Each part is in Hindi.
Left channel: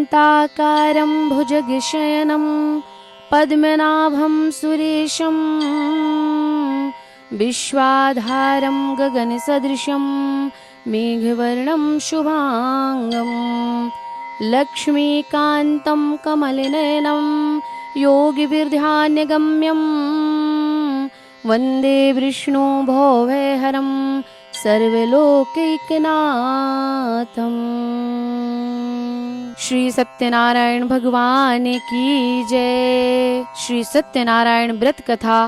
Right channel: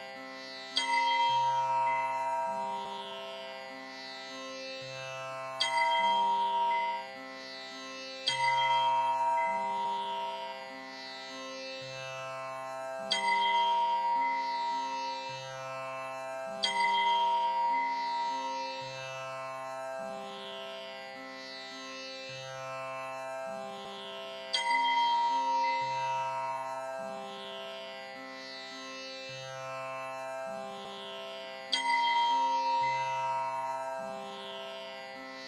शान्ताकारं भुजगशयनं पद्मनाभं सुरेशं विश्वाधारं गगनसदृशं मेघवर्णं शुभांगं लक्ष्मीकान्तं कमलनयनं योगिभिर्ध्यानगम्यं वन्दे विष्णु भवभयहरं सर्वलोकैकनाथम्। श्री सत्यनारायण भगवान की जय। श्री सत्यनारायण व्रत कथा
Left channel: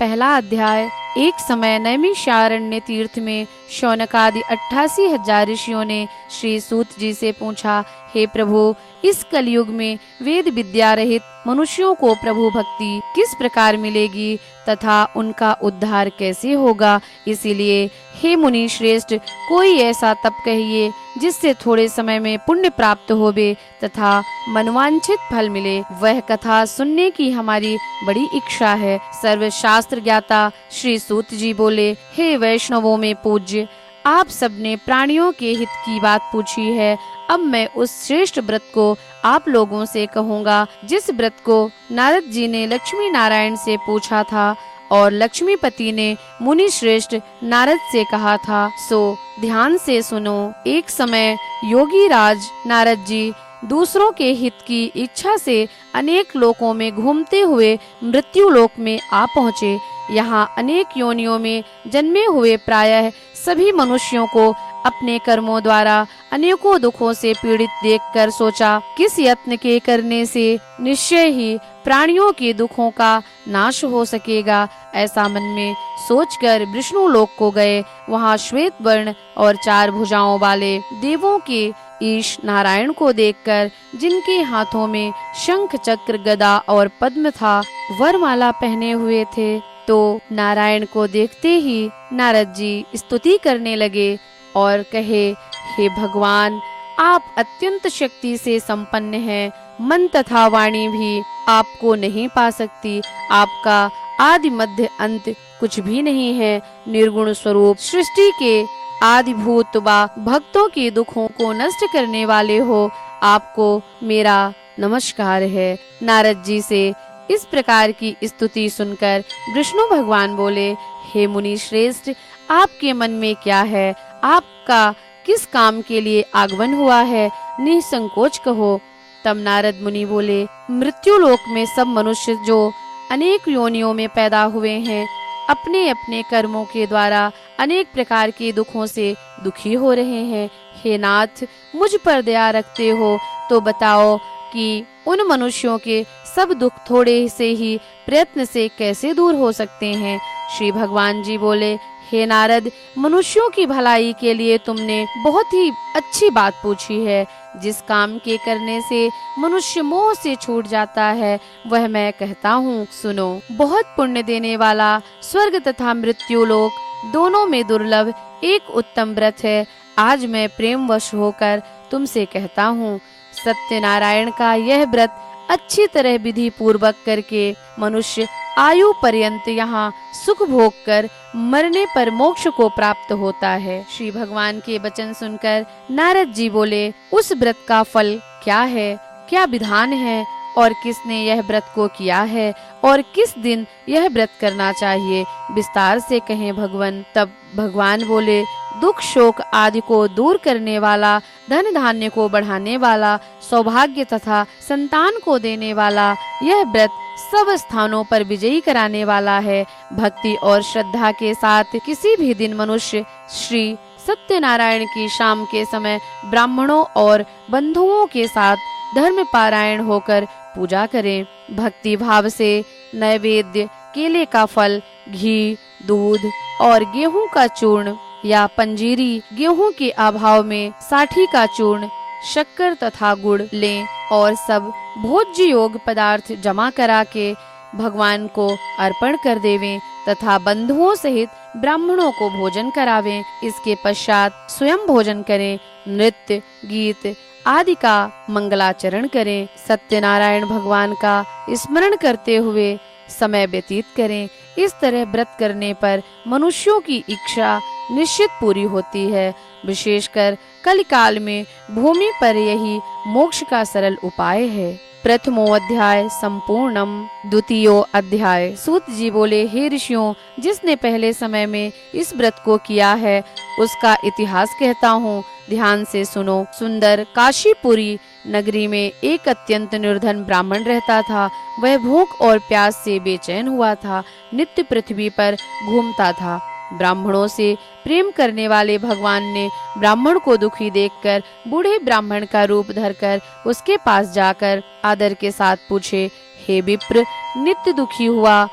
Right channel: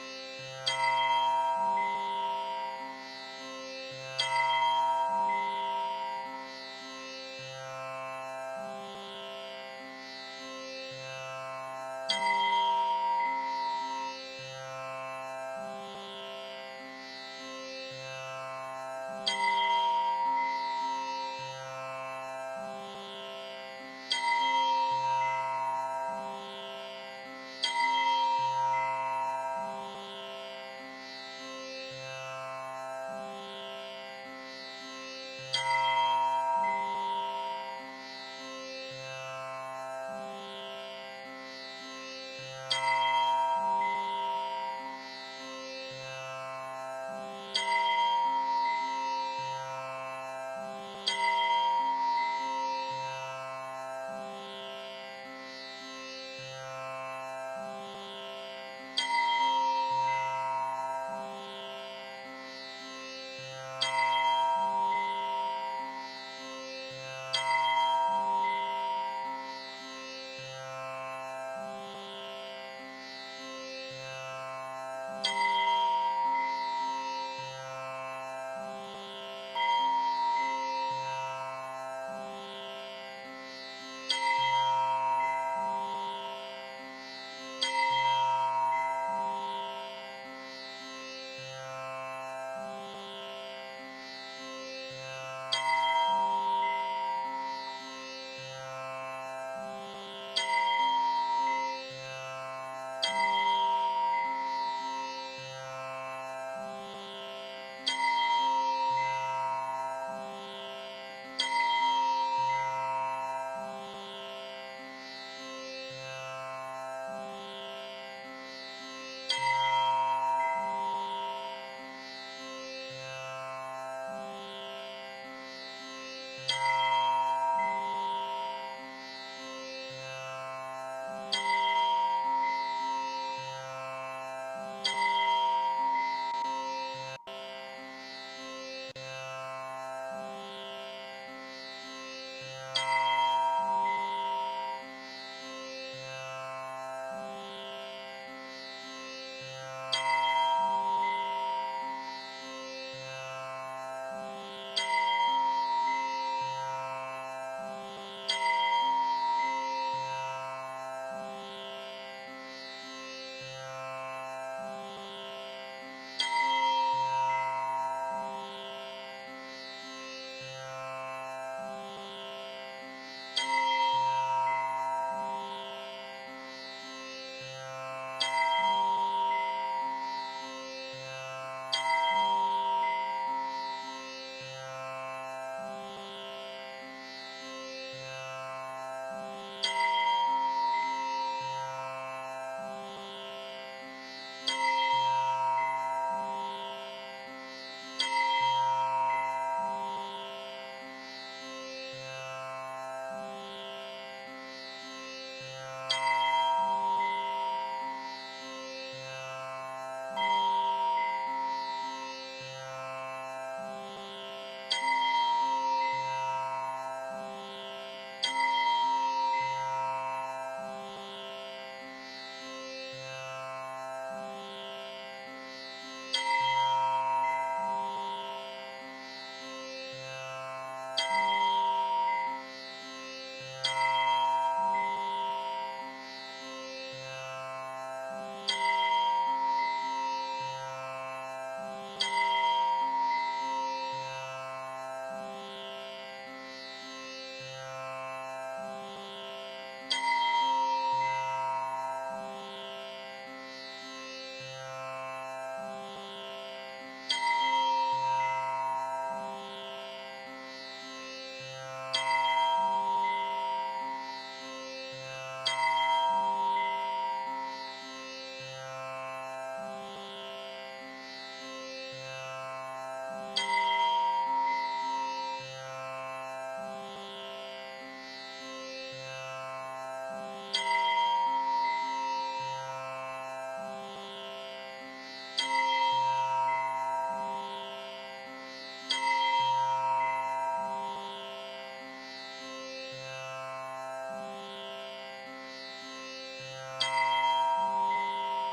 पहला अध्याय। एक समय नैमिषारण्य तीर्थ में शौनकादि 88,000 ऋषियों ने श्री सूत जी से पूछा, हे प्रभु, इस कलयुग में वेद विद्या रहित मनुष्यों को प्रभु भक्ति किस प्रकार मिलेगी तथा उनका उद्धार कैसे होगा? इसीलिए हे मुनि श्रेष्ठ, कोई ऐसा तप कहिए जिससे थोड़े समय में पुण्य प्राप्त होवे तथा मनवांछित फल मिले। वह कथा सुनने की हमारी बड़ी इच्छा है। सर्वशास्त्र ज्ञाता श्री सूत जी बोले, हे वैष्णवों में पूज्य, आप सबने प्राणियों के हित की बात पूछी है। अब मैं उस श्रेष्ठ व्रत को आप लोगों से कहूँगा जिस व्रत को नारद जी ने लक्ष्मी नारायण से पूछा था और लक्ष्मीपति ने मुनि श्रेष्ठ नारद से कहा था। सो ध्यान से सुनो। एक समय योगी राज नारद जी दूसरों के हित की इच्छा से अनेक लोकों में घूमते हुए मृत्यु लोक में आ पहुँचे। यहाँ अनेक योनियों में जन्मे हुए प्रायः सभी मनुष्यों को अपने कर्मों द्वारा अनेकों दुखों से पीड़ित देखकर सोचा, किस यत्न के करने से निश्चय ही प्राणियों के दुखों का नाश हो सकेगा। ऐसा मन में सोचकर विष्णु लोक को गए। वहाँ श्वेत वर्ण और 4 भुजाओं वाले देवों के ईश नारायण को देखकर, जिनके हाथों में शंख चक्र गदा और पद्म था, वरमाला पहने हुए थे, तो नारायण को देखते ही नारद जी स्तुति करने लगे और कहे, हे भगवान, आप अत्यंत शक्ति से संपन्न हैं। मन तथा वाणी भी आपको नहीं पा सकती। आपका आदि मध्य अंत कुछ भी नहीं है। निर्गुण स्वरूप सृष्टि के आदिभूत व भक्तों के दुखों को नष्ट करने वाले हो। आपको मेरा नमस्कार है। नारद जी से इस प्रकार की स्तुति सुनकर विष्णु भगवान बोले, हे मुनि श्रेष्ठ, आपके मन में क्या है? आपका किस काम के लिए आगमन हुआ है? निसंकोच कहो। तब नारद मुनि बोले, मृत्यु लोक में सब मनुष्य जो अनेक योनियों में पैदा हुए हैं, अपने अपने कर्मों के द्वारा अनेक प्रकार के दुखों से दुखी हो रहे हैं। हे नाथ, मुझ पर दया रखते हो तो बताओ कि उन मनुष्यों के सब दुख थोड़े से ही प्रयत्न से कैसे दूर हो सकते हैं? श्री भगवान जी बोले, हे नारद, मनुष्यों की भलाई के लिए तुमने बहुत ही अच्छी बात पूछी है। जिस काम के करने से मनुष्य मोह से छूट जाता है, वह मैं कहता हूँ, सुनो। बहुत पुण्य देने वाला स्वर्ग तथा मृत्यु लोक दोनों में दुर्लभ एक उत्तम व्रत है। आज मैं प्रेमवश होकर तुमसे कहता हूँ। सत्यनारायण का यह व्रत अच्छी तरह विधि पूर्वक करके मनुष्य आयु पर्यंत यहाँ सुख भोग कर मरने पर मोक्ष को प्राप्त होता है। श्री भगवान के वचन सुनकर नारद जी बोले, उस व्रत का फल क्या है? क्या विधान है? और किसने यह व्रत को किया है? और किस दिन यह व्रत करना चाहिए? विस्तार से कहें भगवान। तब भगवान बोले, दुख शोक आदि को दूर करने वाला, धन धान्य को बढ़ाने वाला, सौभाग्य तथा संतान को देने वाला यह व्रत सब स्थानों पर विजयी कराने वाला है। भक्ति और श्रद्धा के साथ किसी भी दिन मनुष्य श्री सत्यनारायण की शाम के समय ब्राह्मणों और बंधुओं के साथ धर्म पारायण होकर पूजा करें। भक्ति भाव से नैवेद्य, केले का फल, घी, दूध और गेहूं का चूर्ण या पंजीरी, गेहूं के अभाव में साठी का चूर्ण, शक्कर तथा गुड़ लें और सब भोज्य योग पदार्थ जमा करा के भगवान को अर्पण कर देवें तथा बंधुओं सहित ब्राह्मणों को भोजन करावें। इसके पश्चात स्वयं भोजन करें। नृत्य, गीत आदि का मंगलाचरण करें। सत्यनारायण भगवान का स्मरण करते हुए समय व्यतीत करें। इस तरह व्रत करने पर मनुष्यों की इच्छा निश्चित पूरी होती है। विशेषकर कलिकाल में भूमि पर यही मोक्ष का सरल उपाय है। प्रथमो अध्याय संपूर्णम। द्वितीयो अध्याय। सूत जी बोले, हे ऋषियों, जिसने पहले समय में इस व्रत को किया है उसका इतिहास कहता हूँ, ध्यान से सुनो। सुंदर काशीपुरी नगरी में एक अत्यंत निर्धन ब्राह्मण रहता था। वह भूख और प्यास से बेचैन हुआ था, नित्य पृथ्वी पर घूमता था। ब्राह्मणों से प्रेम करने वाले भगवान ने ब्राह्मण को दुखी देखकर बूढ़े ब्राह्मण का रूप धरकर उसके पास जाकर आदर के साथ पूछे, हे विप्र, नित्य दुखी हुआ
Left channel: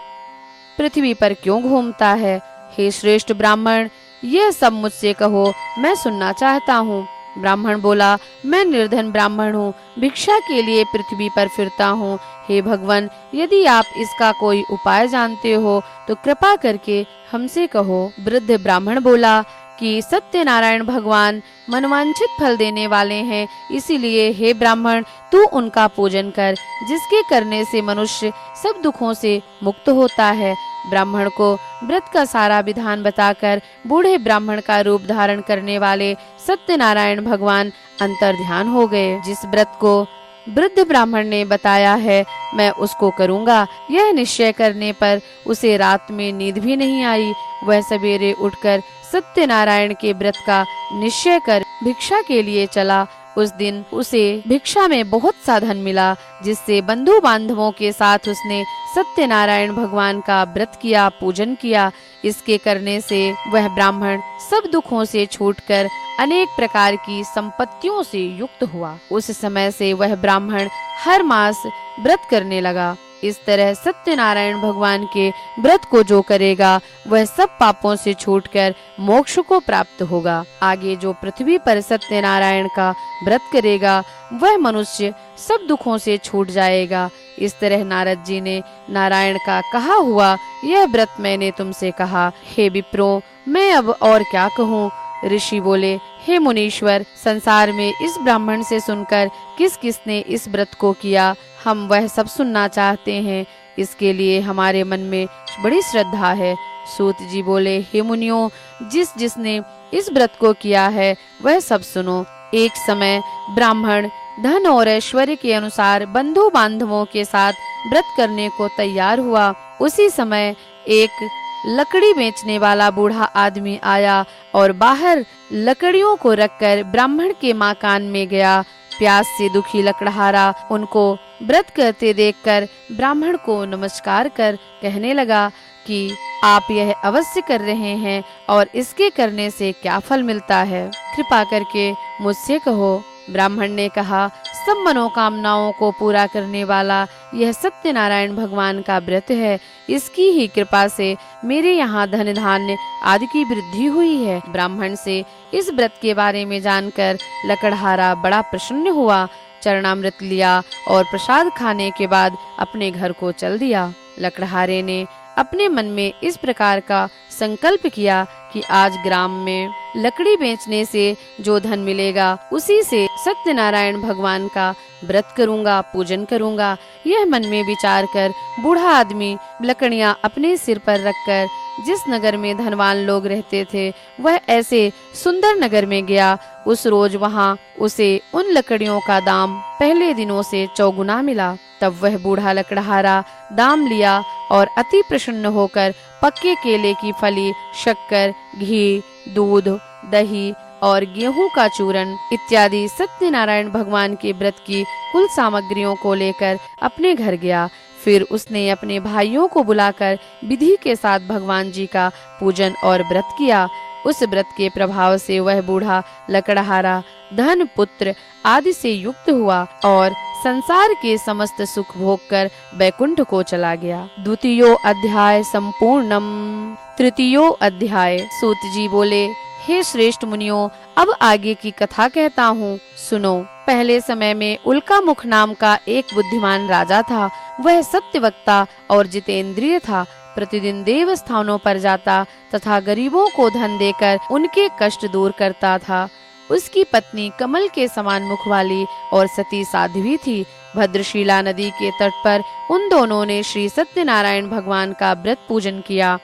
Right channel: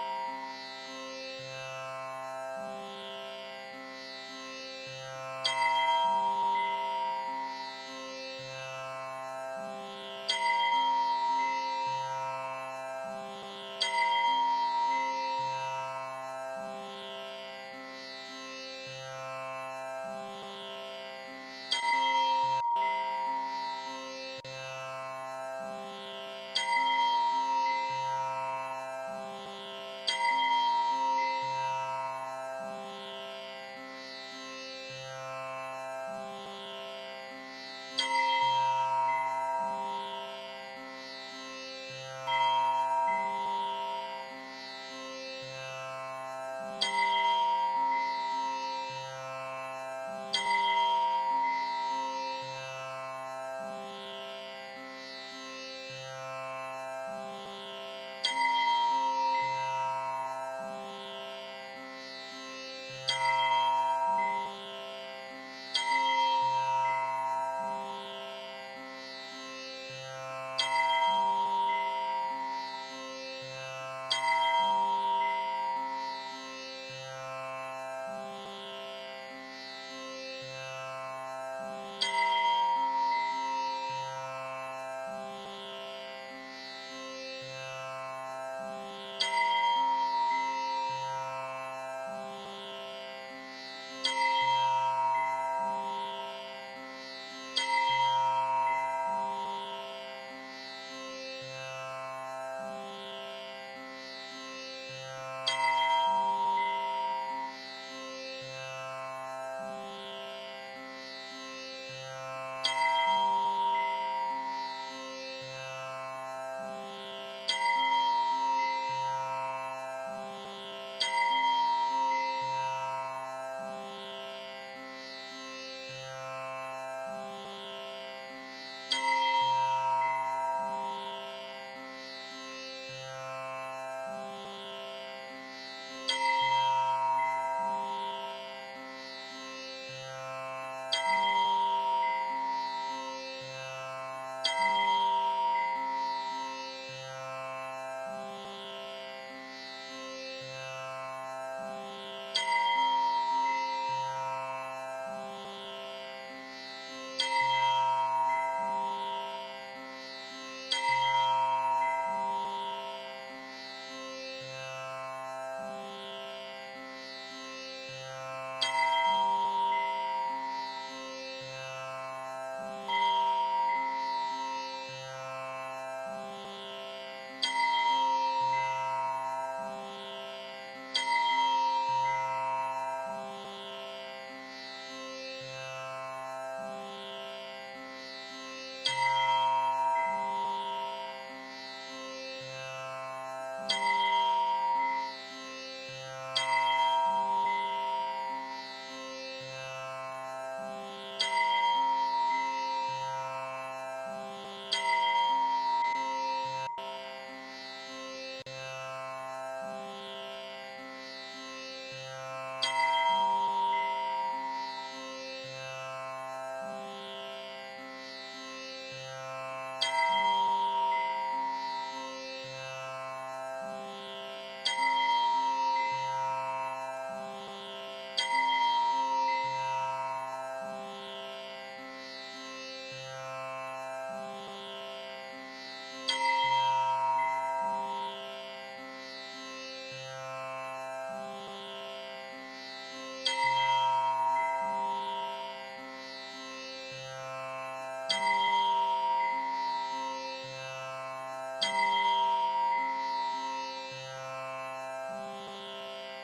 पृथ्वी पर क्यों घूमता है? हे श्रेष्ठ ब्राह्मण, यह सब मुझसे कहो, मैं सुनना चाहता हूँ। ब्राह्मण बोला, मैं निर्धन ब्राह्मण हूँ, भिक्षा के लिए पृथ्वी पर फिरता हूँ। हे भगवान, यदि आप इसका कोई उपाय जानते हो तो कृपा करके हमसे कहो। वृद्ध ब्राह्मण बोला कि सत्यनारायण भगवान मनवांछित फल देने वाले हैं, इसीलिए हे ब्राह्मण, तू उनका पूजन कर, जिसके करने से मनुष्य सब दुखों से मुक्त होता है। ब्राह्मण को व्रत का सारा विधान बताकर बूढ़े ब्राह्मण का रूप धारण करने वाले सत्यनारायण भगवान अंतर ध्यान हो गए। जिस व्रत को वृद्ध ब्राह्मण ने बताया है, मैं उसको करूंगा। यह निश्चय करने पर उसे रात में नींद भी नहीं आई। वह सवेरे उठकर सत्यनारायण के व्रत का निश्चय कर भिक्षा के लिए चला। उस दिन उसे भिक्षा में बहुत सा धन मिला, जिससे बंधु बांधवों के साथ उसने सत्यनारायण भगवान का व्रत किया, पूजन किया। इसके करने से वह ब्राह्मण सब दुखों से छूटकर अनेक प्रकार की संपत्तियों से युक्त हुआ। उस समय से वह ब्राह्मण हर मास व्रत करने लगा। इस तरह सत्यनारायण भगवान के व्रत को जो करेगा वह सब पापों से छूटकर मोक्ष को प्राप्त होगा। आगे जो पृथ्वी पर सत्यनारायण का व्रत करेगा वह मनुष्य सब दुखों से छूट जाएगा। इस तरह नारद जी ने नारायण का कहा हुआ यह व्रत मैंने तुमसे कहा। हे विप्रो, मैं अब और क्या कहूँ? ऋषि बोले, हे मुनीश्वर, संसार में इस ब्राह्मण से सुनकर किस किसने इस व्रत को किया, हम वह सब सुनना चाहते हैं। इसके लिए हमारे मन में बड़ी श्रद्धा है। सूत जी बोले, हे मुनियों, जिसने इस व्रत को किया है वह सब सुनो। एक समय ब्राह्मण धन और ऐश्वर्य के अनुसार बंधु बांधवों के साथ व्रत करने को तैयार हुआ। उसी समय एक लकड़ी बेचने वाला बूढ़ा आदमी आया और बाहर लकड़ियों को रखकर ब्राह्मण के मकान में गया। प्यास से दुखी लकड़हारा उनको व्रत करते देखकर ब्राह्मण को नमस्कार कर कहने लगा कि आप यह अवश्य कर रहे हैं और इसके करने से क्या फल मिलता है, कृपा करके मुझसे कहो। ब्राह्मण ने कहा, सब मनोकामनाओं को पूरा करने वाला यह सत्यनारायण भगवान का व्रत है। इसकी ही कृपा से मेरे यहाँ धन धान्य आदि की वृद्धि हुई है। ब्राह्मण से इस व्रत के बारे में जानकर लकड़हारा बड़ा प्रसन्न हुआ। चरणामृत लिया और प्रसाद खाने के बाद अपने घर को चल दिया। लकड़हारे ने अपने मन में इस प्रकार का संकल्प किया कि आज ग्राम में लकड़ी बेचने से जो धन मिलेगा उसी से सत्यनारायण भगवान का व्रत करूंगा, पूजन करूंगा। यह मन में विचार कर बूढ़ा आदमी लकड़ियां अपने सिर पर रखकर जिस नगर में धनवान लोग रहते थे वह ऐसे सुंदर नगर में गया। उस रोज वहां उसे उन लकड़ियों का दाम पहले दिनों से चौगुना मिला। तब वह बूढ़ा लकड़हारा दाम लिया और अति प्रसन्न होकर पक्के केले की फली, शक्कर, घी, दूध, दही और गेहूं का चूरन इत्यादि सत्यनारायण भगवान के व्रत की कुल सामग्रियों को लेकर अपने घर गया। फिर उसने अपने भाइयों को बुलाकर विधि के साथ भगवान जी का पूजन और व्रत किया। उस व्रत के प्रभाव से वह बूढ़ा लकड़हारा धन, पुत्र आदि से युक्त हुआ और संसार के समस्त सुख भोग कर बैकुंठ को चला गया। द्वितीयो अध्याय संपूर्णम। तृतीयो अध्याय। सूत जी बोले, हे श्रेष्ठ मुनियों, अब आगे की कथा कहता हूँ, सुनो। पहले समय में उल्कामुख नाम का एक बुद्धिमान राजा था। वह सत्यवक्ता और जितेंद्रिय था। प्रतिदिन देव स्थानों पर जाता तथा गरीबों को धन देकर उनके कष्ट दूर करता था। उसकी पत्नी कमल के समान मुख वाली और सती साध्वी थी। भद्रशिला नदी के तट पर उन दोनों ने श्री सत्यनारायण भगवान का व्रत पूजन किया।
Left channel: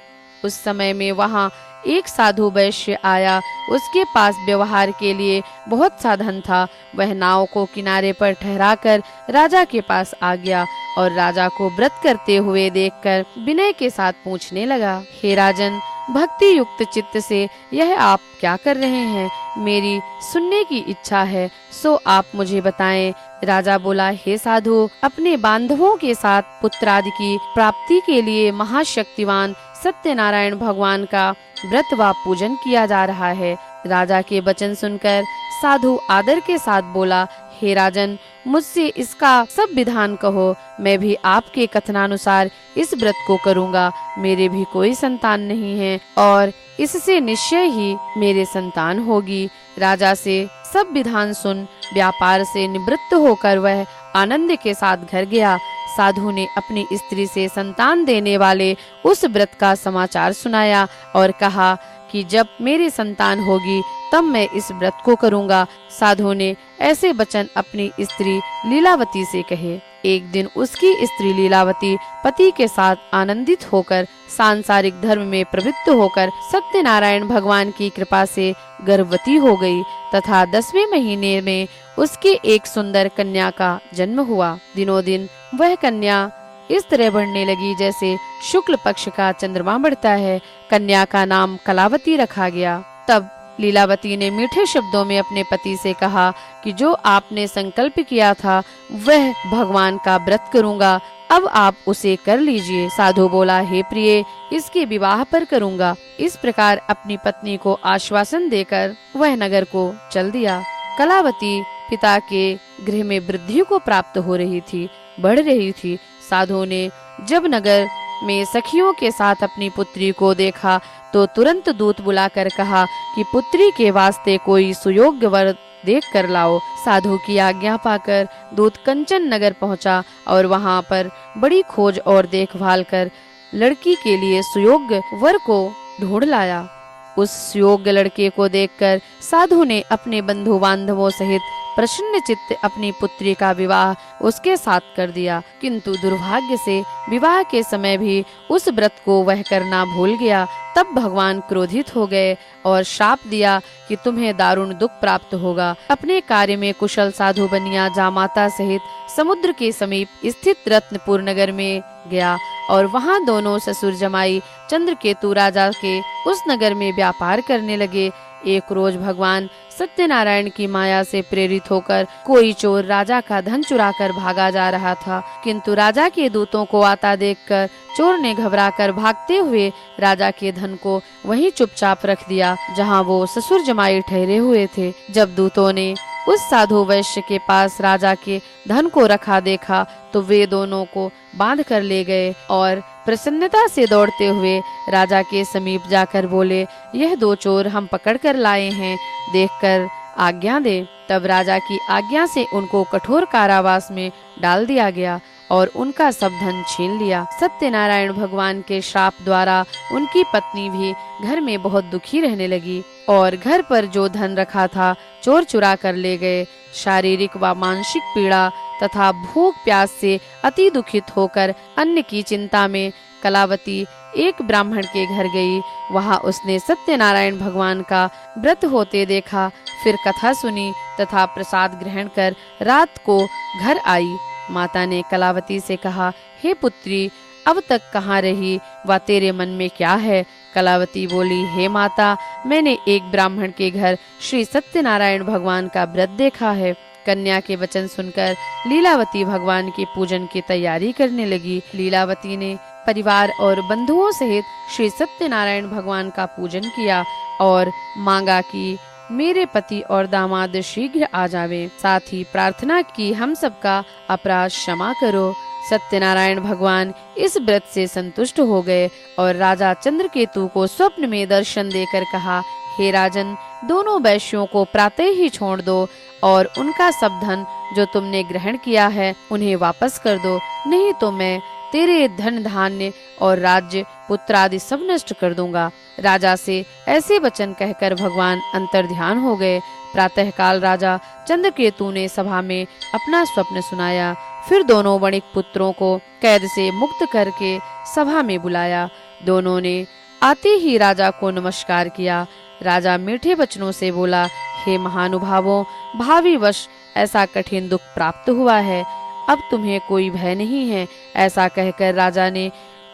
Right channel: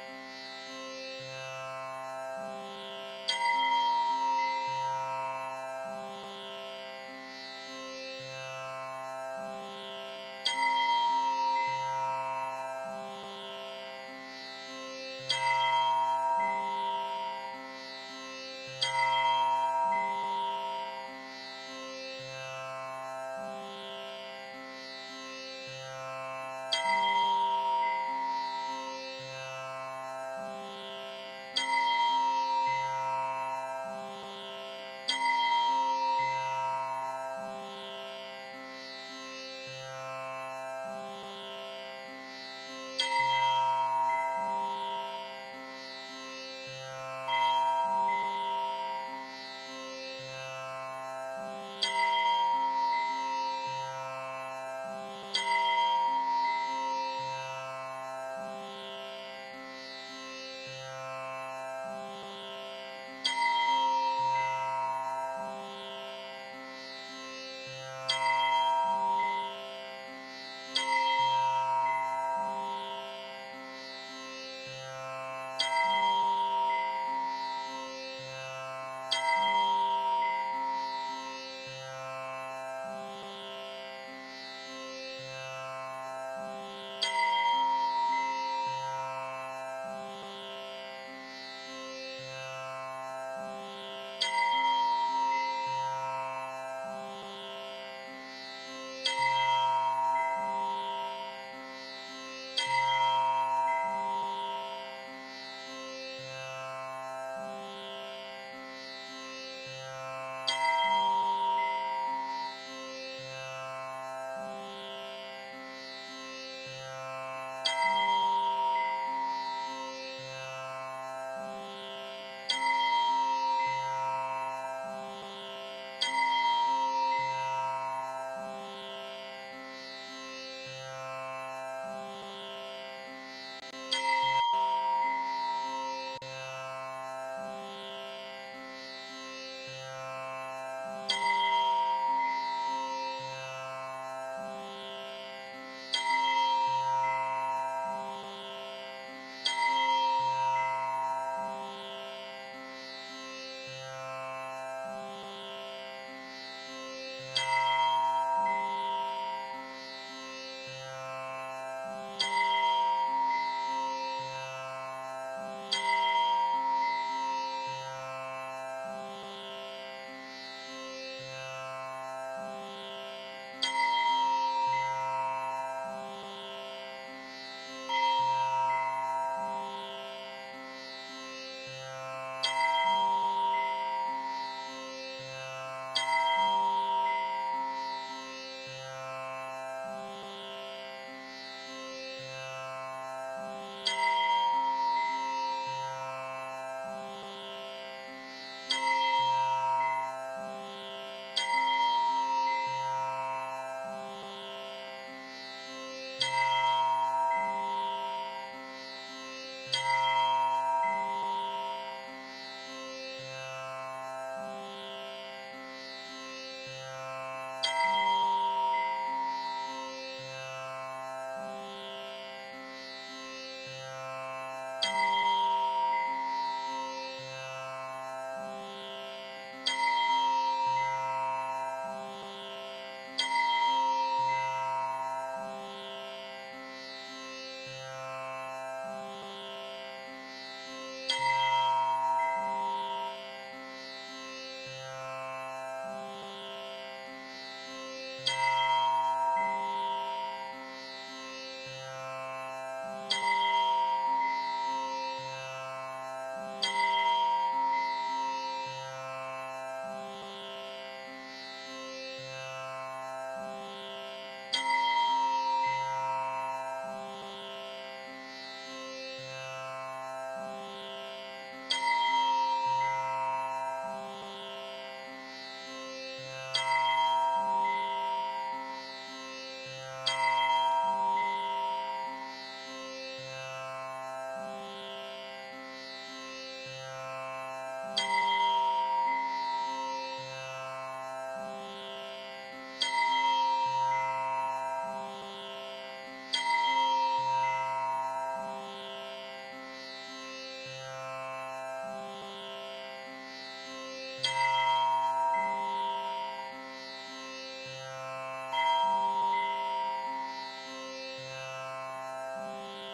उस समय में वहाँ एक साधु वैश्य आया। उसके पास व्यवहार के लिए बहुत सा धन था। वह नाव को किनारे पर ठहराकर राजा के पास आ गया और राजा को व्रत करते हुए देखकर विनय के साथ पूछने लगा, हे राजन, भक्ति युक्त चित्त से यह आप क्या कर रहे हैं? मेरी सुनने की इच्छा है, सो आप मुझे बताएं। राजा बोला, हे साधु, अपने बांधवों के साथ पुत्र आदि की प्राप्ति के लिए महाशक्तिवान सत्यनारायण भगवान का व्रत व पूजन किया जा रहा है। राजा के वचन सुनकर साधु आदर के साथ बोला, हे राजन, मुझसे इसका सब विधान कहो, मैं भी आपके कथनानुसार इस व्रत को करूंगा। मेरे भी कोई संतान नहीं है और इससे निश्चय ही मेरे संतान होगी। राजा से सब विधान सुन व्यापार से निवृत्त होकर वह आनंद के साथ घर गया। साधु ने अपनी स्त्री से संतान देने वाले उस व्रत का समाचार सुनाया और कहा कि जब मेरी संतान होगी तब मैं इस व्रत को करूंगा। साधु ने ऐसे वचन अपनी स्त्री लीलावती से कहे। एक दिन उसकी स्त्री लीलावती पति के साथ आनंदित होकर सांसारिक धर्म में प्रवृत्त होकर सत्यनारायण भगवान की कृपा से गर्भवती हो गई तथा 10वें महीने में उसकी एक सुंदर कन्या का जन्म हुआ। दिनों दिन वह कन्या इस तरह बढ़ने लगी जैसे शुक्ल पक्ष का चंद्रमा बढ़ता है। कन्या का नाम कलावती रखा गया। तब लीलावती ने मीठे शब्दों में अपने पति से कहा कि जो आपने संकल्प किया था वह भगवान का व्रत करूंगा, अब आप उसे कर लीजिए। साधु बोला, हे प्रिय, इसके विवाह पर करूंगा। इस प्रकार अपनी पत्नी को आश्वासन देकर वह नगर को चल दिया। कलावती पिता के गृह में वृद्धि को प्राप्त हो रही थी, बढ़ रही थी। साधु ने जब नगर में सखियों के साथ अपनी पुत्री को देखा तो तुरंत दूत बुलाकर कहा कि पुत्री के वास्ते कोई सुयोग्य वर देख कर लाओ। साधु की आज्ञा पाकर दूत कंचन नगर पहुंचा और वहां पर बड़ी खोज और देखभाल कर लड़की के लिए सुयोग्य वर को ढूंढ लाया। उस सुयोग्य लड़के को देखकर साधु ने अपने बंधु बांधवों सहित प्रसन्न चित्त अपनी पुत्री का विवाह उसके साथ कर दिया। किंतु दुर्भाग्य से विवाह के समय भी उस व्रत को वह करना भूल गया। तब भगवान क्रोधित हो गए और श्राप दिया कि तुम्हें दारुण दुख प्राप्त होगा। अपने कार्य में कुशल साधु बनिया जामाता सहित समुद्र के समीप स्थित रत्नपुर नगर में गया और वहां दोनों ससुर जमाई चंद्रकेतु राजा के उस नगर में व्यापार करने लगे। एक रोज भगवान सत्यनारायण की माया से प्रेरित होकर कोई चोर राजा का धन चुराकर भागा जा रहा था, किंतु राजा के दूतों को आता देखकर चोर ने घबराकर भागते हुए राजा के धन को वहीं चुपचाप रख दिया जहां वो ससुर जमाई ठहरे हुए थे। जब दूतों ने उस साधु वैश्य के पास राजा के धन को रखा देखा तो वे दोनों को बांध कर ले गए और प्रसन्नता से दौड़ते हुए राजा के समीप जाकर बोले, यह दो चोर हम पकड़ कर लाए हैं, देखकर आज्ञा दे। तब राजा की आज्ञा से उनको कठोर कारावास में डाल दिया गया और उनका सब धन छीन लिया। सत्यनारायण भगवान के श्राप द्वारा उनकी पत्नी भी घर में बहुत दुखी रहने लगी और घर पर जो धन रखा था चोर चुरा कर ले गए। शारीरिक व मानसिक पीड़ा तथा भूख प्यास से अति दुखित होकर अन्न की चिंता में कलावती एक ब्राह्मण के घर गई। वहां उसने सत्यनारायण भगवान का व्रत होते देखा, फिर कथा सुनी तथा प्रसाद ग्रहण कर रात को घर आई। माता ने कलावती से कहा, हे पुत्री, अब तक कहाँ रही व तेरे मन में क्या है? कलावती बोली, हे माता, मैंने एक ब्राह्मण के घर श्री सत्यनारायण भगवान का व्रत देखा है। कन्या के वचन सुनकर लीलावती भगवान के पूजन की तैयारी करने लगी। लीलावती ने परिवार और बंधुओं सहित श्री सत्यनारायण भगवान का पूजन किया और मांगा कि मेरे पति और दामाद शीघ्र आ जावे। साथ ही प्रार्थना की, हम सबका अपराध क्षमा करो। सत्यनारायण भगवान इस व्रत से संतुष्ट हो गए और राजा चंद्रकेतु को स्वप्न में दर्शन देकर कहा, हे राजन, दोनों वैश्यों को प्रातः ही छोड़ दो और उनका सब धन जो तुमने ग्रहण किया है उन्हें वापस कर दो, नहीं तो मैं तेरे धन धान्य और राज्य पुत्र आदि सब नष्ट कर दूंगा। राजा से ऐसे वचन कहकर भगवान अंतर्ध्यान हो गए। प्रातः काल राजा चंद्रकेतु ने सभा में अपना स्वप्न सुनाया। फिर दोनों वणिक पुत्रों को कैद से मुक्त करके सभा में बुलाया। दोनों ने आते ही राजा को नमस्कार किया। राजा मीठे वचनों से बोला, हे महानुभावों, भावी वश ऐसा कठिन दुख प्राप्त हुआ है, अब तुम्हें कोई भय नहीं है। ऐसा कहकर राजा ने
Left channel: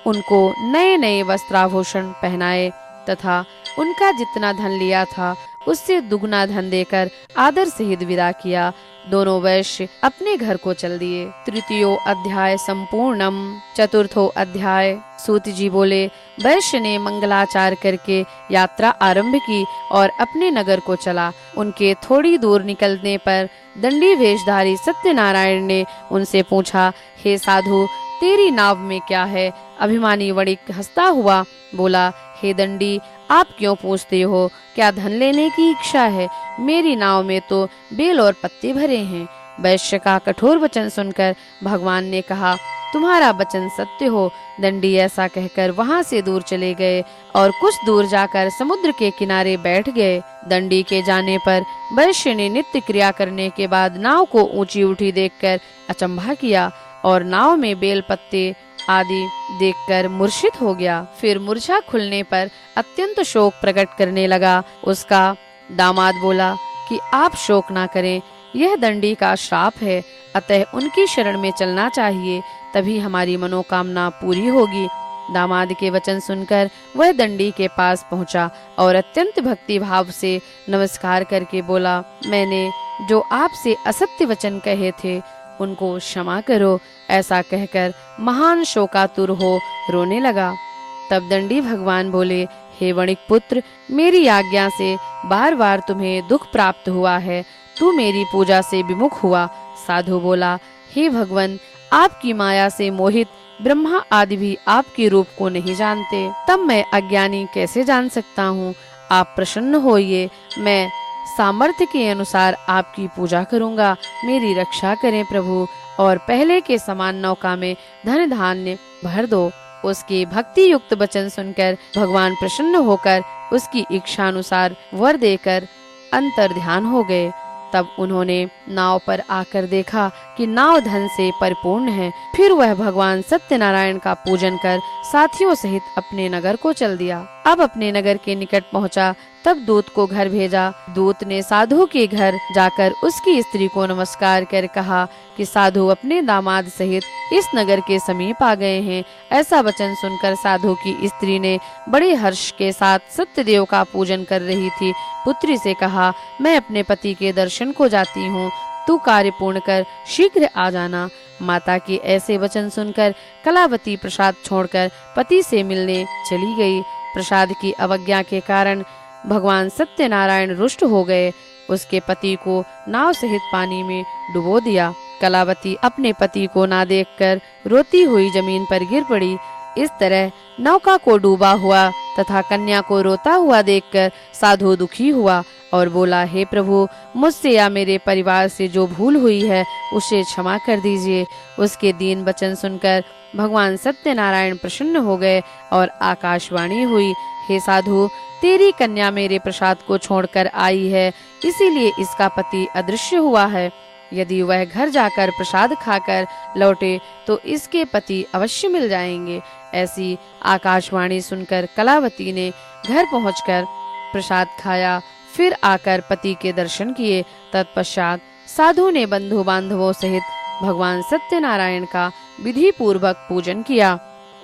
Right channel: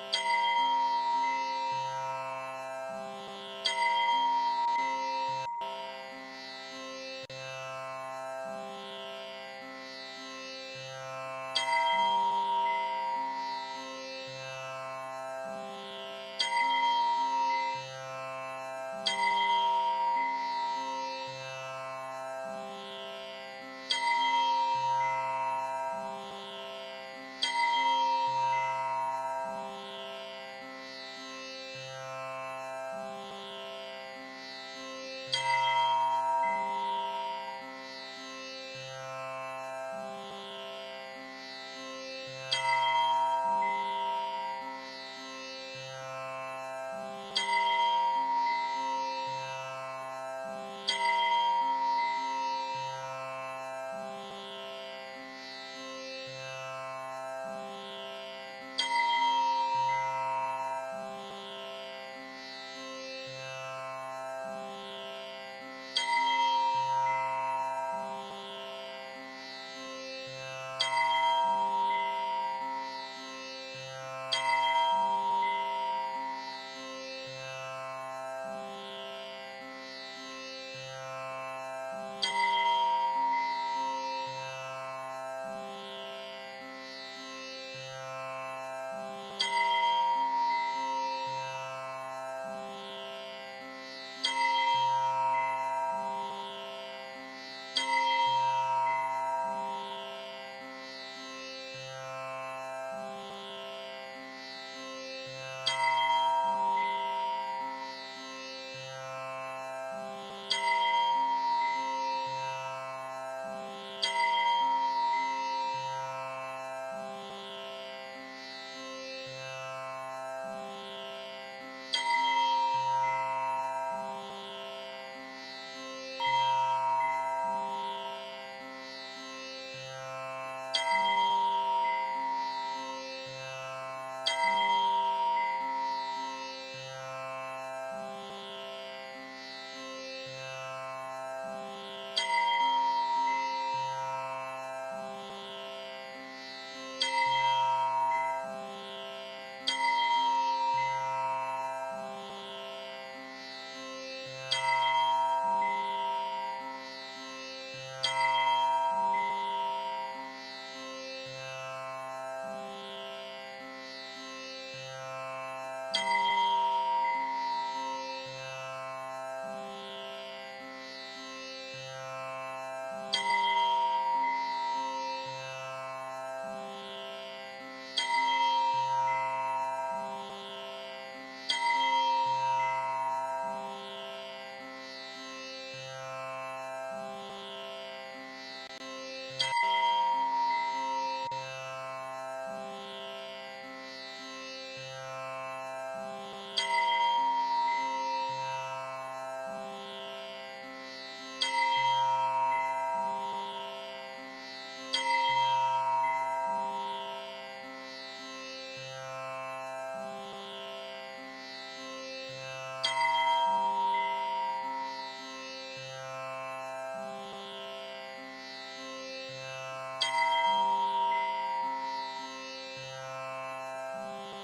उनको नए नए वस्त्राभूषण पहनाए तथा उनका जितना धन लिया था उससे दुगना धन देकर आदर सहित विदा किया। दोनों वैश्य अपने घर को चल दिए। तृतीयो अध्याय संपूर्णम। चतुर्थो अध्याय। सूत जी बोले, वैश्य ने मंगलाचार करके यात्रा आरंभ की और अपने नगर को चला। उनके थोड़ी दूर निकलने पर दंडी वेशधारी सत्यनारायण ने उनसे पूछा, हे साधु, तेरी नाव में क्या है? अभिमानी वणिक हंसता हुआ बोला, हे दंडी, आप क्यों पूछते हो? क्या धन लेने की इच्छा है? मेरी नाव में तो बेल और पत्ते भरे हैं। वैश्य का कठोर वचन सुनकर भगवान ने कहा, तुम्हारा वचन सत्य हो। दंडी ऐसा कहकर वहां से दूर चले गए और कुछ दूर जाकर समुद्र के किनारे बैठ गए। दंडी के जाने पर वैश्य ने नित्य क्रिया करने के बाद नाव को ऊंची उठी देखकर अचंभा किया और नाव में बेल पत्ते आदि देखकर मूर्छित हो गया। फिर मूर्छा खुलने पर अत्यंत शोक प्रकट करने लगा। उसका दामाद बोला कि आप शोक ना करें, यह दंडी का श्राप है, अतः उनकी शरण में चलना चाहिए, तभी हमारी मनोकामना पूरी होगी। दामाद के वचन सुनकर वह दंडी के पास पहुंचा और अत्यंत भक्ति भाव से नमस्कार करके बोला, मैंने जो आपसे असत्य वचन कहे थे उनको क्षमा करो। ऐसा कहकर महान शोकातुर हो रोने लगा। तब दंडी भगवान बोले, हे वणिक पुत्र, मेरी आज्ञा से बार बार तुम्हें दुख प्राप्त हुआ है, तू मेरी पूजा से विमुख हुआ। साधु बोला, हे भगवान, आपकी माया से मोहित ब्रह्मा आदि भी आपके रूप को नहीं जानते, तब मैं अज्ञानी कैसे जान सकता हूँ? आप प्रसन्न होइए, मैं सामर्थ्य के अनुसार आपकी पूजा करूंगा। मेरी रक्षा करें प्रभु, और पहले के समान नौका में धन धान्य भर दो। उसके भक्ति युक्त वचन सुनकर भगवान प्रसन्न होकर उसकी इच्छा अनुसार वर देकर अंतर ध्यान हो गए। तब उन्होंने नाव पर आकर देखा कि नाव धन से परिपूर्ण है। फिर वह भगवान सत्यनारायण का पूजन कर साथियों सहित अपने नगर को चल दिया। अब अपने नगर के निकट पहुंचा, तब दूत को घर भेजा। दूत ने साधु के घर जाकर उसकी स्त्री को नमस्कार कर कहा कि साधु अपने दामाद सहित इस नगर के समीप आ गए हैं। ऐसा वचन सुनकर साधु की स्त्री ने बड़े हर्ष के साथ सत्यदेव का पूजन कर रही थी पुत्री से कहा, मैं अपने पति के दर्शन को जाती हूँ, तू कार्य पूर्ण कर शीघ्र आ जाना। माता के ऐसे वचन सुनकर कलावती प्रसाद छोड़कर पति से मिलने चली गई। प्रसाद की अवज्ञा के कारण भगवान सत्यनारायण रुष्ट हो गए। उसके पति को नाव सहित पानी में डुबो दिया। कलावती अपने पति को ना देखकर रोती हुई जमीन पर गिर पड़ी। इस तरह नौका को डूबा हुआ तथा कन्या को रोता हुआ देखकर साधु दुखी हुआ और बोला, हे प्रभु, मुझसे या मेरे परिवार से जो भूल हुई है उसे क्षमा कर दीजिए। उसके दीन वचन सुनकर भगवान सत्यनारायण प्रसन्न हो गए और आकाशवाणी हुई, हे साधु, तेरी कन्या मेरे प्रसाद को छोड़कर आई है, इसीलिए इसका पति अदृश्य हुआ है। यदि वह घर जाकर प्रसाद खाकर लौटे तो इसके पति अवश्य मिल जाएंगे। ऐसी आकाशवाणी सुनकर कलावती ने घर पहुंचकर प्रसाद खाया, फिर आकर पति के दर्शन किए। तत्पश्चात साधु ने बंधु बांधवों सहित भगवान सत्यनारायण का विधि पूर्वक पूजन किया।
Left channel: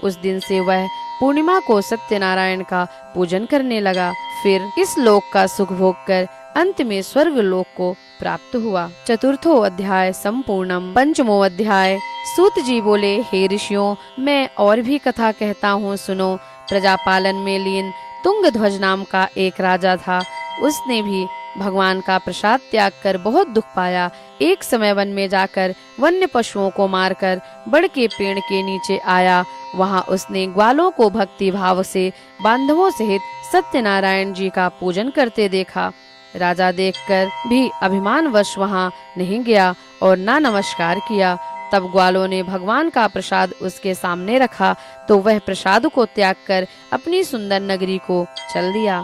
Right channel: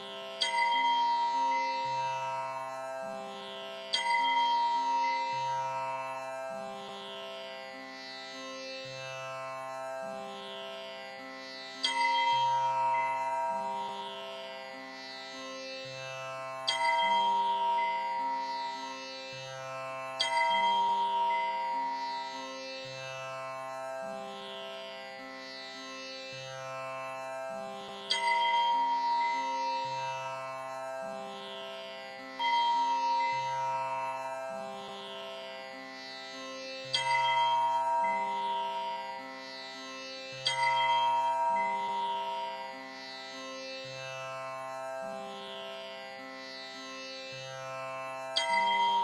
उस दिन से वह पूर्णिमा को सत्यनारायण का पूजन करने लगा। फिर इस लोक का सुख भोग कर अंत में स्वर्ग लोक को प्राप्त हुआ। चतुर्थो अध्याय संपूर्णम। पंचमो अध्याय। सूत जी बोले, हे ऋषियों, मैं और भी कथा कहता हूँ, सुनो। प्रजापालन में लीन तुंगध्वज नाम का एक राजा था। उसने भी भगवान का प्रसाद त्याग कर बहुत दुख पाया। एक समय वन में जाकर वन्य पशुओं को मारकर बड़ के पेड़ के नीचे आया। वहां उसने ग्वालों को भक्ति भाव से बांधवों सहित सत्यनारायण जी का पूजन करते देखा। राजा देखकर भी अभिमानवश वहां नहीं गया और ना नमस्कार किया। तब ग्वालों ने भगवान का प्रसाद उसके सामने रखा तो वह प्रसाद को त्याग कर अपनी सुंदर नगरी को चल दिया।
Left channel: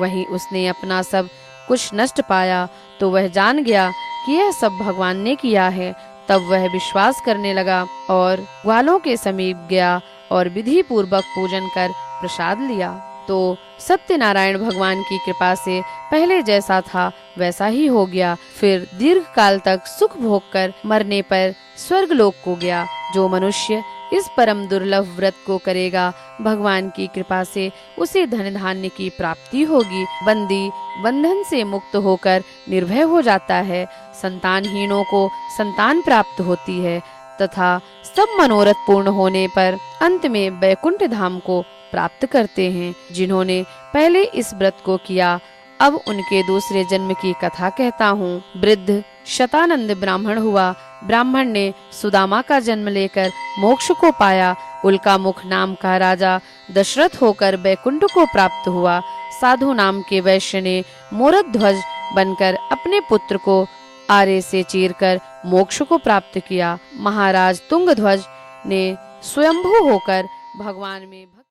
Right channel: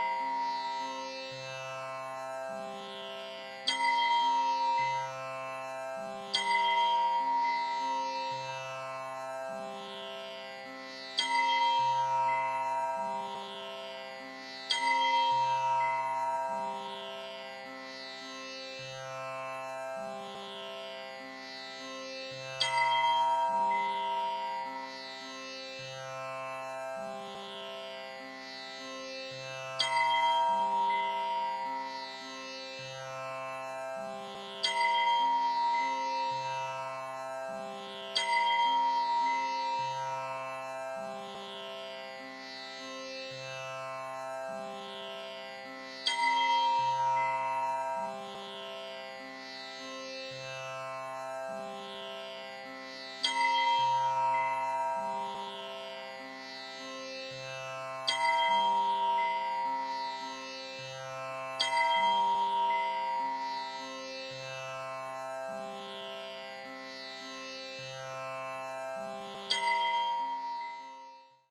वहीं उसने अपना सब कुछ नष्ट पाया तो वह जान गया कि यह सब भगवान ने किया है। तब तब वह विश्वास करने लगा और ग्वालों के समीप गया और विधि पूर्वक पूजन कर प्रसाद लिया। तो सत्यनारायण भगवान की कृपा से पहले जैसा था वैसा ही हो गया। फिर दीर्घ काल तक सुख भोग कर मरने पर स्वर्ग लोक को गया। जो मनुष्य इस परम दुर्लभ व्रत को करेगा, भगवान की कृपा से उसे धन धान्य की प्राप्ति होगी। बंदी बंधन से मुक्त होकर निर्भय हो जाता है। संतानहीनों को संतान प्राप्त होती है तथा सब मनोरथ पूर्ण होने पर अंत में वैकुंठ धाम को प्राप्त करते हैं। जिन्होंने पहले इस व्रत को किया, अब उनके दूसरे जन्म की कथा कहता हूँ। वृद्ध शतानंद ब्राह्मण हुआ। ब्राह्मण ने सुदामा का जन्म लेकर मोक्ष को पाया। उल्का मुख नाम का राजा दशरथ होकर वैकुंठ को प्राप्त हुआ। साधु नाम के वैश्य ने मोरद ध्वज बनकर अपने पुत्र को आरे से चीरकर मोक्ष को प्राप्त किया। महाराज तुंगध्वज ने स्वयंभू होकर भगवान में